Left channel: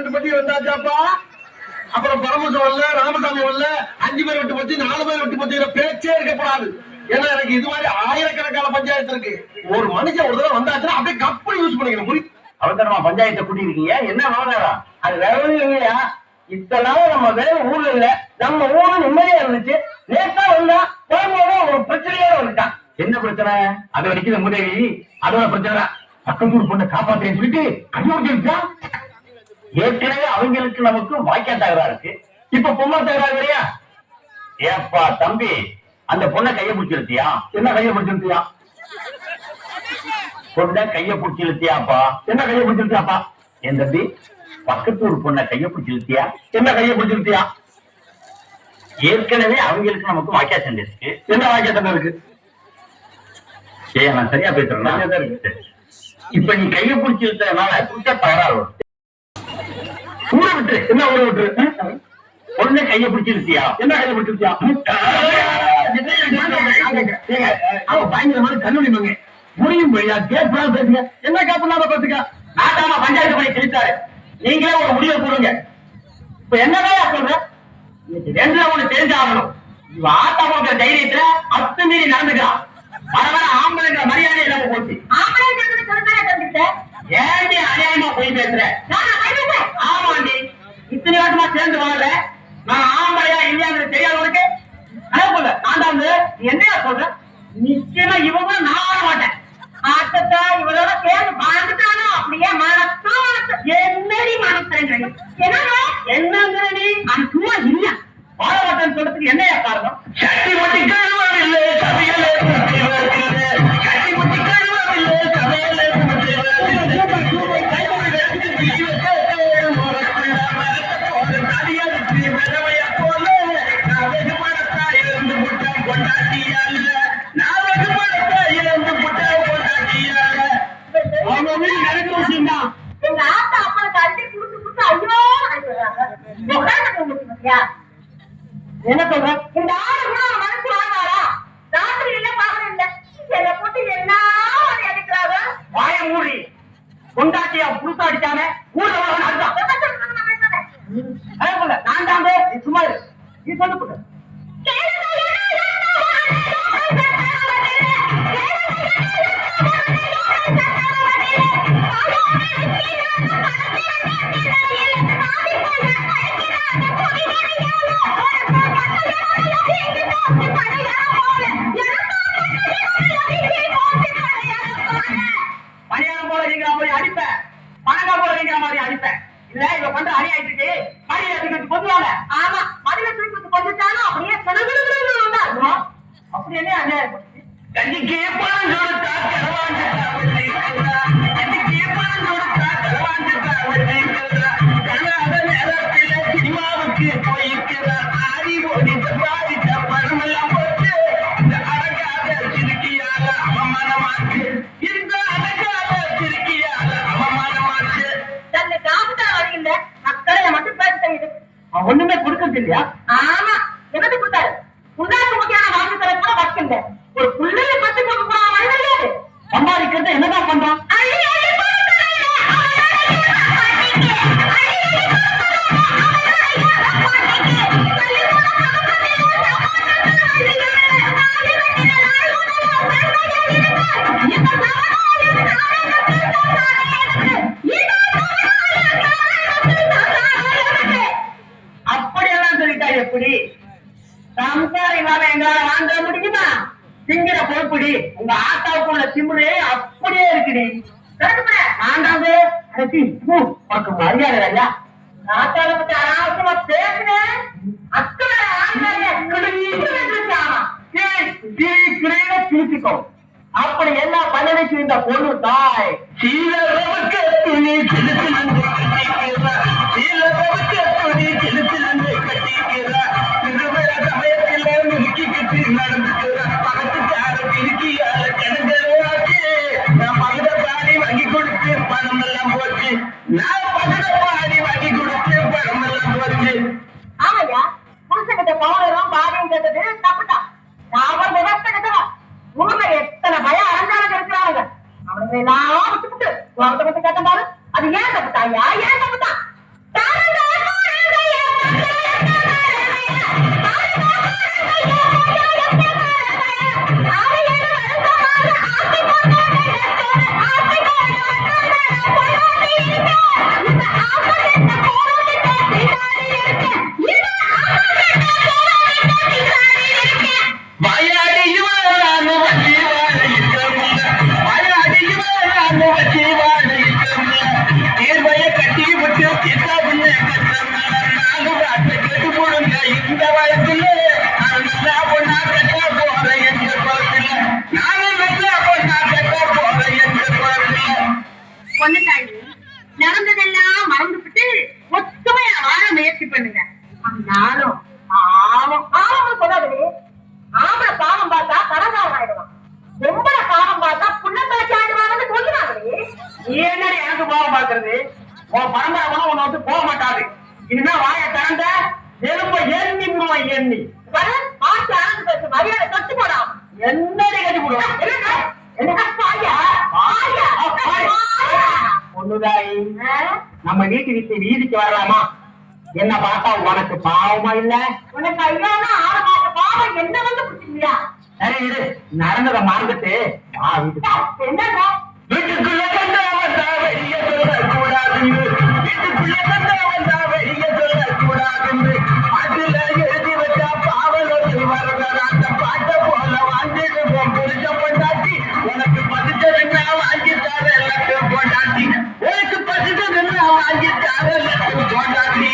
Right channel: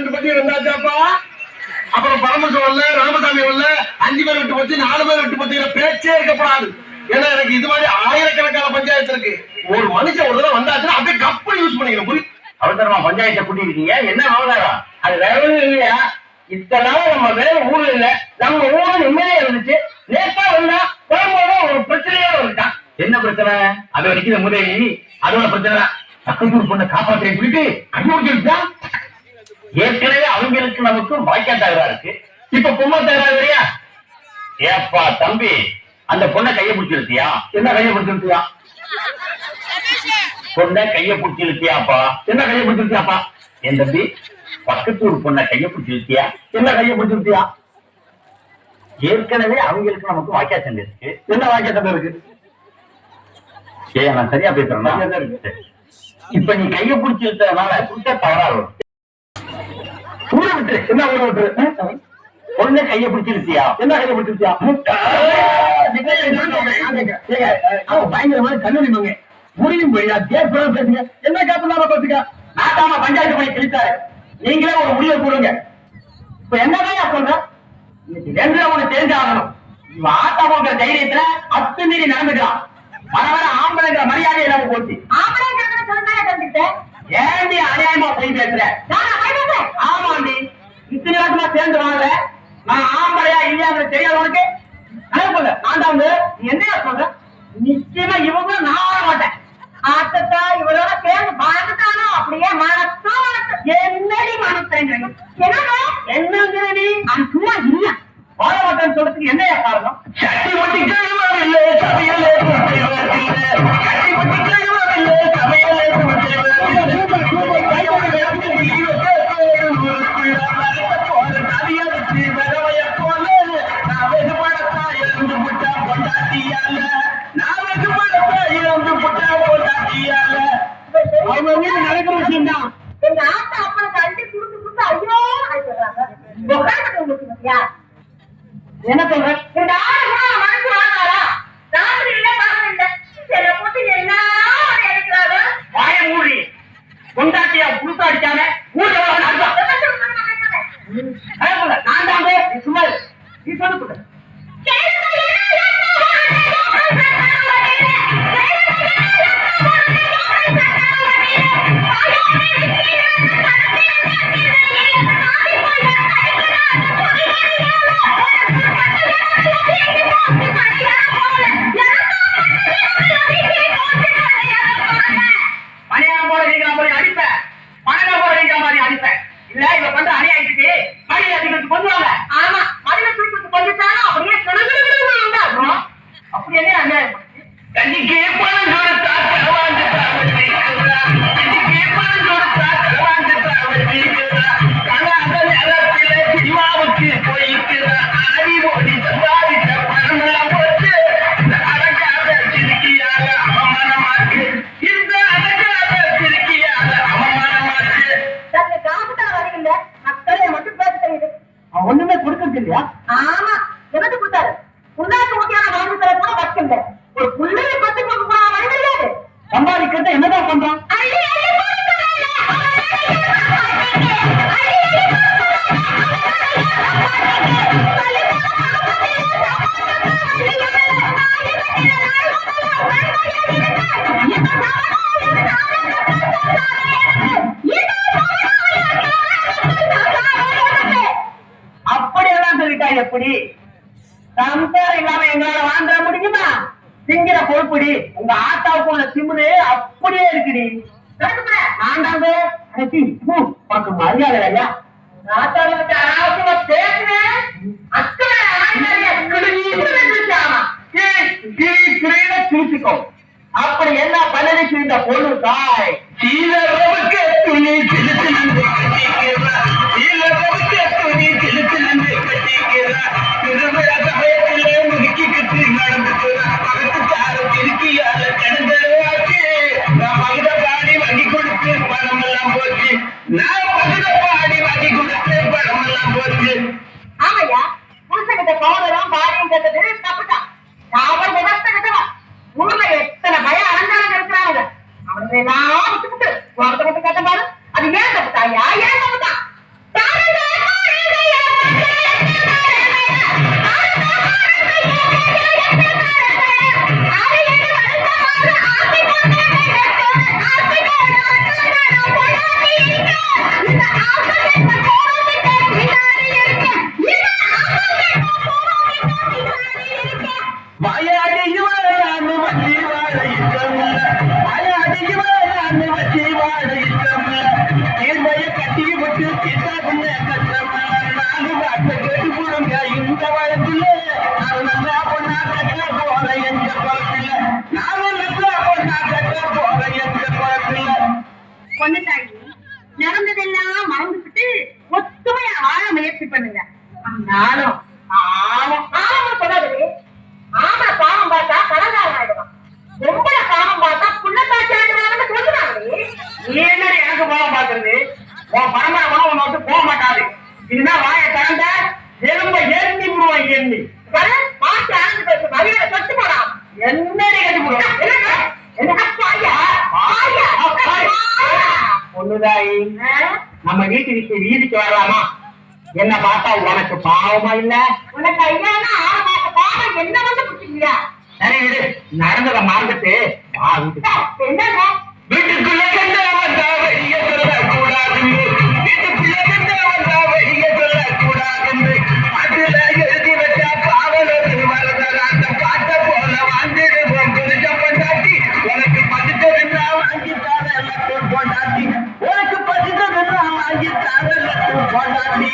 2 பத்தி இருந்தாச்சாப்பா. அப்புறம் பரமசம் இல்ல, ராமசாமி இல்ல, 5 பேர் விட்டு போச்சு, 4 பேர் விட்டு போச்சுங்கிற பேச்சே இருக்கப்படாது. ஏன்னா எனக்கு இது மாதிரி ஆயிரக்கணக்கான பஞ்சாயத்து இருக்கு. ஒரு மனுஷன் ஒரு தடவை வந்தாச்சுன்னா அப்படியே கப்பல் யூஸ் பண்ணிக்கணும். புரி அவசரமா பஞ்சாயத்தை கூட்டிருக்கீங்க, என்ன ஆவதாரா? அது வேற ஒண்ணும் இல்லையா, இத்தனை நாள் நம்ம வேலை ஊர்ல இல்ல, நம்ம ஊரு நிம்மதியா இருந்துச்சு. நேத்தா வந்தா போகும்போது ஒரு பிரச்சனையோட வந்துட்டான். என்ன பிரச்சனை? அது வரைக்கும் முதலி அதோட பிரச்சனை. பக்கத்தூர் பொண்ணை காப்பாற்றேன்னு சொல்லிட்டு கையோடிச்சா. ஏற்கனவே அவங்களுக்கு நமக்கு வாய்க்கா தகராறு இருக்கு, இப்ப பொம்மை தகராறு வரையா? ஏப்பா தம்பி, அந்த பொண்ணை கையை பிடிச்சிருத்தியா? என்ன கையை பிடிச்சிருத்தியா? பொண்ணை கையை பிடிச்சிருத்தியாப்பா? என்ன கையை பிடிச்சிருத்தியாப்பா? என் தம்பி, பக்கத்தூர் பொண்ணை கையை பிடிச்சிருத்தியா? என்ன கையை பிடிச்சிருத்தியா? ஏற்கனவே அவங்களுக்கு நமக்கு வாக்கியா சண்டை இருக்கு. என்ன வாக்கியா சண்டை இருக்கு? நான் சரியா பேசுறேன். இப்ப நீ கையை பிடிச்சிருக்கிறதுனால புடிச்சா தகராறு வரும். ஊற விட்டு என்ன ஊற விட்டு? பொண்ணை கையை பிடிச்சிருத்தியா? என்ன கையை பிடிச்சிருத்தியா? பயங்கரமான கல்லூரி மங்க முடியும் போயா கேட்பா பேசுங்க. என்ன கேட்பா பேசுங்க. நாட்டாம பஞ்சாயத்து பண்ணி தெரிவித்தாரு, நீங்களே ஒரு முடிவை கூடுங்க. இப்ப என்னதான் சொல்ற? ரெண்டுல ஒண்ணு தெரிஞ்சாகணும். ஆட்டா போகிற தைரியத்துல அத்துமீறி நடந்துக்கலாம். வர வர ஆம்பளைங்கிற மரியாதை இல்லாம போச்சு. ஏண்டி அநியாயமா போய் பேசுற? ஆமாண்டி, இத்தனை வருஷமா சேர்ந்து வாழ நான் ஆம்பளையா இல்லையாங்கிறது தெரியாத உனக்கு? சொல்ல நான் தான் என்னையா சொல்ற? நிச்சயமா இவங்க நான் வர மாட்டேன். ஆட்டத்தா இவரோட சேர்ந்து வாழ்ந்துட்டானோ அப்படியே மனசு என்னடி மனசுறேன். என்னங்கிற நீ அது சும்மா இல்ல வாழ மாட்டேன்னு சொல்றதுக்கு என்னையா காரணம்? சட்டி ஒட்டி கழுவவில்லை சமையலே கட்டி ஒட்டி கழுவவில்லை சமையலே போல நான் வெகுமடத்தா இருந்து முட்டா கொண்டாட்டியால நான் வெகுமடத்தா இருந்து முட்டா கொண்டாட்டியால அவங்க வீடு நடக்கிற விஷயம் தான். எங்க ஆத்தா அப்பா தள்ளி குடுத்து குடுத்து ஐயோ என்ன சொல்ற? இந்த ஆறு கூட மனசு வாங்காரா? ராத்திரி இல்ல பகல் இல்ல செல்ல போட்டு என்ன எடுக்கிறாங்க? வாய மூடி கொண்டாட்டியா புதுசா அடிச்சானே ஊர்ல நான் தாங்க சும்மா நீ சொல்லு. பணியாரம் போல நீங்கிற மாதிரி அடிப்பேன், பணம் போல நீங்கிற மாதிரி அடிப்பேன். இல்ல இவ பண்ற அநியாயத்துக்கு பணியில தூக்கிட்டு கொண்டுவாங்க. ஆமா, பணியில தூக்கிட்டு கொண்டுட்டாலும் அப்படியே உண்டாகும். அப்படி என்ன அநியாயம் பண்ணுச்சு? கஞ்சிக்கு பணம் கொடுத்தா களவாண்டுட்டா கஞ்சிக்கு பணம் கொடுத்தா களவாண்டுட்டா கணாத நேரத்தில சினிமாவுக்கு போயிட்டு ஆடி ஓடி சம்பாதித்த பணம் எல்லாம் போட்டு இந்த அடங்காத சிறுக்கியாக அவமானமாக்கு. இந்த அடங்காத சிறுக்கியாக அவமானமாக்கு. தன்னை காப்புட்டா வரீங்க மக்களை மட்டும் பேச தெரியுது. ஒண்ணுமே கொடுக்கறது இல்லையா? ஆமா, எனக்கு கொடுத்தாரு. உண்டாக்கு முக்கியமான வாங்கி தர கூட வச்சுங்க. ஒரு புள்ளைய பத்தி கொடுக்க கூட வழியாது. சம்பாதிக்கிறது என்னதான் பண்றான்? அப்படியெல்லாம் சொல்லிட்டா எப்படி? சம்சாரம் இல்லாம எங்களால வாழ்ந்துட முடியுமா? திங்கிற பொறுப்புடி உங்க ஆத்தாவுக்கு உள்ள திமுரு அப்படியே இருக்குடி. உனக்கு மரியாதை இல்லையா? ஆத்தாவை பத்தி அனாவசியமா பேசுறேன். திருச்சிக்கோ. அப்படி என்ன பண்ணி இந்த பொண்ணு தாய் சீலரவுக்கு துணி செலுத்திலிருந்து சீலரவுக்கு துணி செலுத்திலிருந்து கட்டிக்கிறா. திருவிழா சமயத்தில முறுக்கிக்கிட்டு நடந்துக்கிறா. பக்கத்துக்கார திருக்கியால கிடந்தவாச்சு. நான் மகிழ பாடி வாங்கி கொடுத்து பணம் எல்லாம் போச்சு. நான் மகிழ பாடி வாங்கி கொடுத்து பணம் எல்லாம் போச்சு. ஆமையா, புருஷகிட்ட பவுடரும் பாடியும் கேட்டது தப்புதான். அவர் விவசாய கிட்டவா ஊர்ல எத்தனை பயம் அலங்காரம் இருக்கிறாங்க. அவங்களை எல்லாம் விட்டுக்கிட்டு ஒருத்தருக்கு கேட்ட பாரு. அது ஏன் தப்புத்தாயா? ஏன் தப்புதான்? வாயாடி இவரானு வச்சி வாழ இருக்கமுல்ல வாயாடி இவரானு வச்சி வாழ இருக்கமுல்ல தீர்வைய கட்டி விட்டு தீர்த்தாதுன்னு கஷ்டமுல்ல நாலு வார்த்தை கேட்டு போடுங்க இந்த வயசுல நான் நல்லா பொண்ணா கட்ட போறேன் என்ற குளத்துல நானும் நல்லா பொண்ணா கட்ட போறேன் என்ற குளத்துல பொண்ணுத்தாயி நடந்ததெல்லாம் மறந்துவிட்டு ஒத்துமையா வாழ முயற்சி பண்ணுங்க நானும் பாவம் பாவம் சொல்லாது ஆம்பளை பாவம் பார்த்தா கடங்காரம் ஆயிடுவான் பொம்பளை பாவம் பார்த்தா புள்ளக்காட்சி ஆயிடுவாங்கன்னு சொல்லுவாங்களே நீ என்ன எனக்கு பாவம் பார்க்கறது உன் பரம்பரை உன்னை விட்டு போக மாட்டாரு இனிமே வாயை திறந்த எலும்ப எண்ணி விடுவான் எண்ணி மாற்றி ஆரம்பிச்சு பேசு மரியாதை தொட்டு போடாம் என்னடி கட்டி போடுவான் என்ன பாயா பாயா பொண்ணுதாயி நம்ம வீட்டு விட்டு வீதிக்கு வரலாமா என்ன பார்த்தா உனக்கு பாவமா இல்ல உனக்கு ஐயானா 6 மாச பாவம் என்ன வந்து பிடிச்சிருக்கியா சரி விடு நடந்ததை மறந்துட்டு வா வீட்டுக்கு என்னங்க வீட்டுக்குள்ள கண்டா வந்தா வெளிய சொல்லக்கூடாது வீட்டுக்குள்ள கண்டா வந்தா வெளிய சொல்லக்கூடாது பாட்டுல எழுதி வச்சா பாவலோடு வரதா அந்த பாட்டை போல வாழ்ந்துடுவோம் புரிஞ்சம் கொண்டாட்டி உனக்கு பசித்ததுன்னா வாங்கி தர எல்லாத்தையும் கொண்டாட்டி உனக்கு பசித்ததுன்னா வாங்கி தர எல்லாத்தையும் கொண்டாட்டி